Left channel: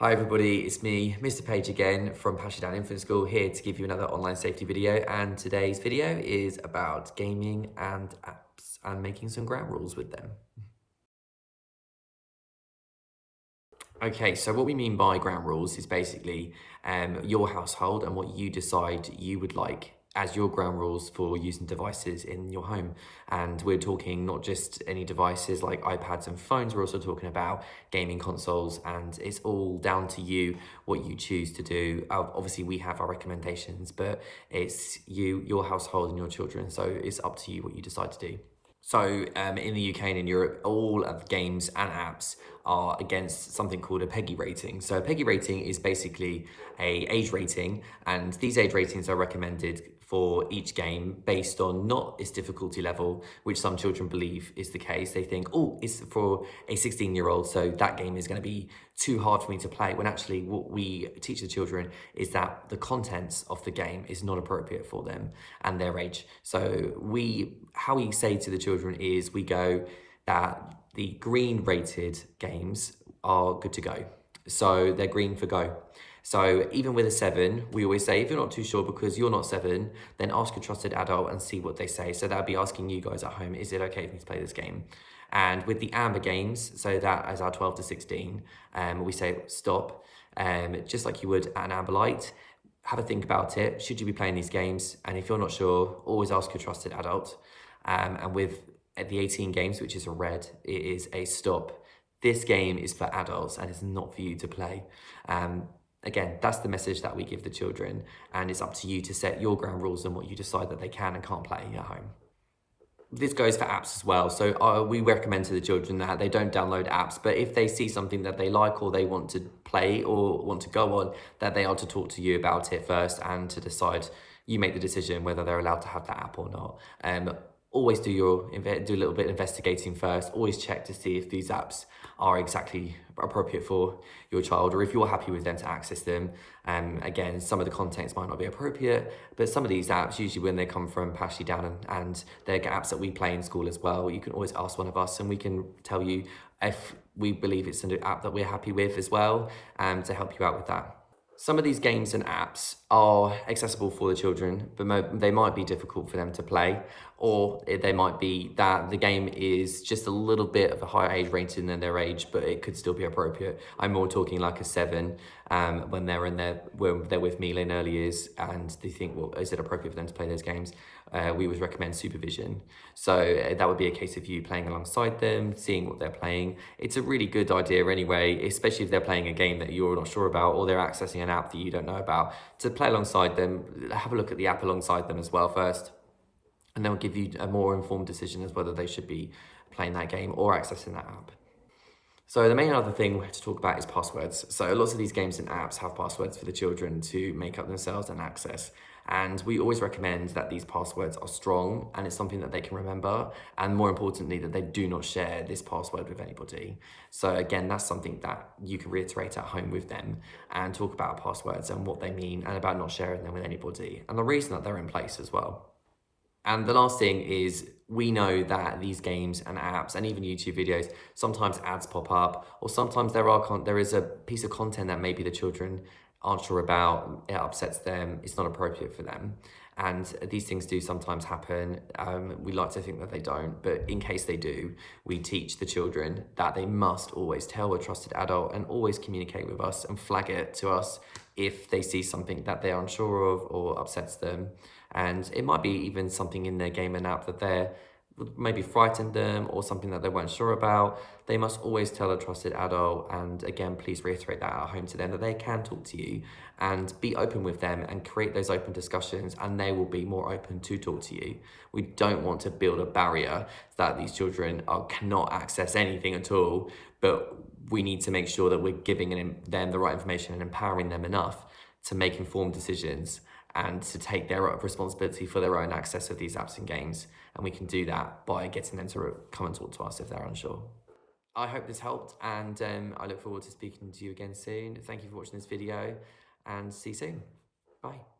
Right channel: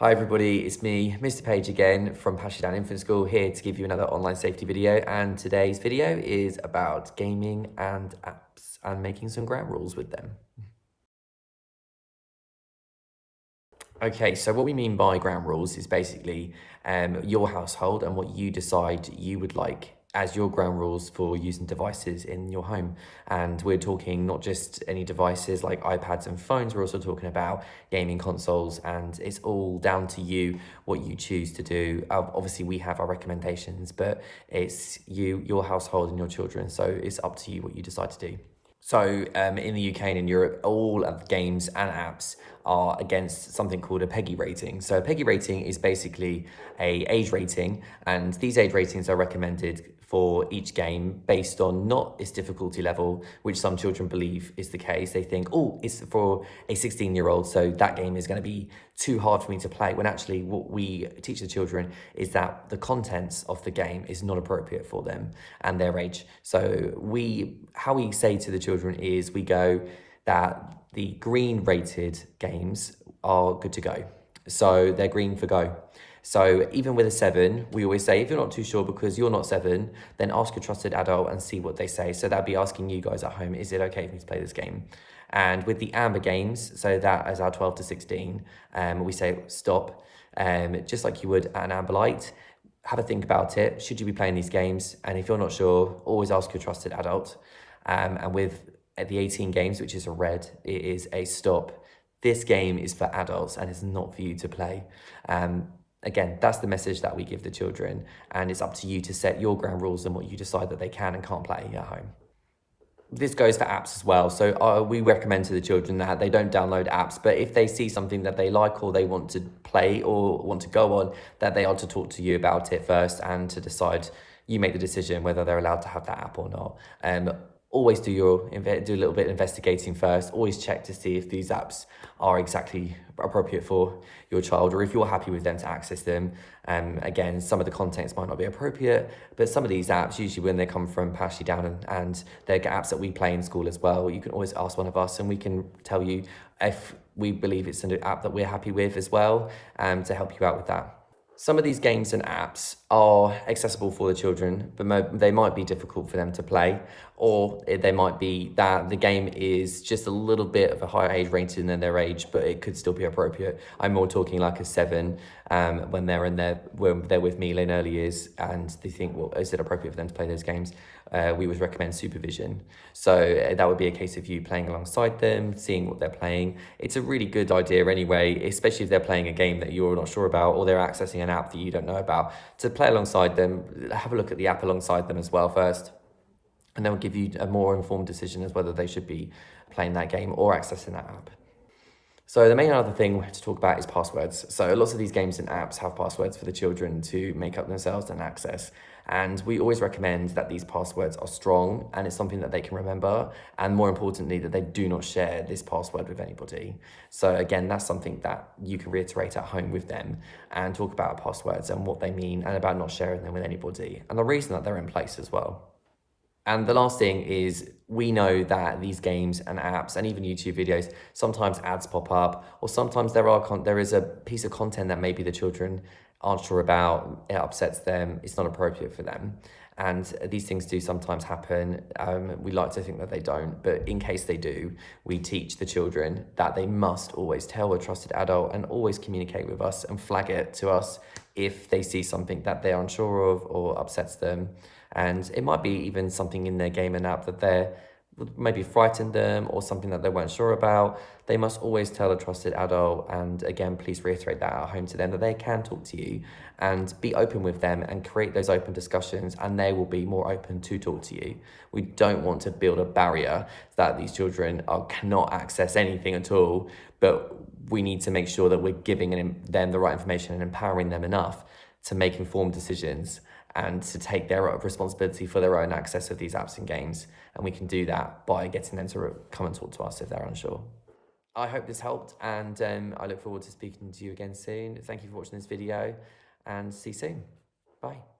Hi everybody, it's me, Mr. Page again from Passion Down Infant School, here to give you another online safety video. And today's video is about gaming and apps and making some ground rules with them. Okay, so what we mean by ground rules is basically your household and what you decide you would like as your ground rules for using devices in your home. And we're talking not just any devices like iPads and phones, we're also talking about gaming consoles, and it's all down to you what you choose to do. Obviously, we have our recommendations, but it's you, your household, and your children, so it's up to you what you decide to do. So in the UK and in Europe, all of the games and apps are against something called a PEGI rating. So a PEGI rating is basically a age rating, and these age ratings are recommended for each game based on not its difficulty level, which some children believe is the case. They think, oh, it's for a 16-year-old, so that game is going to be too hard for me to play, when actually what we teach the children is that the contents of the game is not appropriate for them and their age. So how we say to the children is we go that the green rated games are good to go. So they're green for go. So even with a 7, we always say, if you're not too sure because you're not 7, then ask a trusted adult and see what they say. So that'd be asking you guys at home, is it okay for me to play this game? And with the amber games, so that is our 12 to 16, we say stop, just like you would at an amber light. Have a think about it. Should you be playing these games? And if you're not sure, always ask a trusted adult. And with the 18 games, which is a red, it is a stop. This game is for adults and it's not for you to play. Again, that's the message that we give the children, and it's up to you to set your ground rules and what you decide that they can and can't play at home. This goes for apps as well. So we recommend to the children that they don't download apps, but if they see something that they like or they want to play or want to go on, that they are to talk to you about it first and to decide, you make the decision whether they're allowed to have that app or not. Always do a little bit of investigating first. Always check to see if these apps are exactly appropriate for your child, or if you're happy with them to access them. Again, some of the contents might not be appropriate, but some of these apps, usually when they come from Pashy Down and they're apps that we play in school as well, you can always ask one of us and we can tell you if we believe it's an app that we're happy with as well, to help you out with that. Some of these games and apps are accessible for the children, but they might be difficult for them to play, or they might be that the game is just a little bit of a higher age rating than their age, but it could still be appropriate. I'm more talking like a 7, when they're with me in early years and they think, well, is it appropriate for them to play those games? We would recommend supervision. So that would be a case of you playing alongside them, seeing what they're playing. It's a really good idea anyway, especially if they're playing a game that you're not sure about, or they're accessing an app that you don't know about, to play alongside them. Have a look at the app alongside them as well first, and they'll give you a more informed decision as whether they should be playing that game or accessing that app. So the main other thing to talk about is passwords. So lots of these games and apps have passwords for the children to make up themselves and access. And we always recommend that these passwords are strong and it's something that they can remember. And more importantly, that they do not share this password with anybody. So again, that's something that you can reiterate at home with them and talk about passwords and what they mean and about not sharing them with anybody. And the reason that they're in place as well. And the last thing is, we know that these games and apps and even YouTube videos, sometimes ads pop up, or sometimes there is a piece of content that maybe the children aren't sure about, it upsets them, it's not appropriate for them. And these things do sometimes happen. We like to think that they don't, but in case they do, we teach the children that they must always tell a trusted adult and always communicate with us and flag it to us if they see something that they're unsure of or upsets them. And it might be even something in their game and app that they're maybe frightened them, or something that they weren't sure about. They must always tell a trusted adult, and again, please reiterate that at home to them, that they can talk to you and be open with them and create those open discussions, and they will be more open to talk to you. We don't want to build a barrier that these children cannot access anything at all, but we need to make sure that we're giving them the right information and empowering them enough to make informed decisions and to take their responsibility for their own access of these apps and games. And we can do that by getting them to come and talk to us if they're unsure. I hope this helped, and I look forward to speaking to you again soon. Thank you for watching this video, and see you soon. Bye.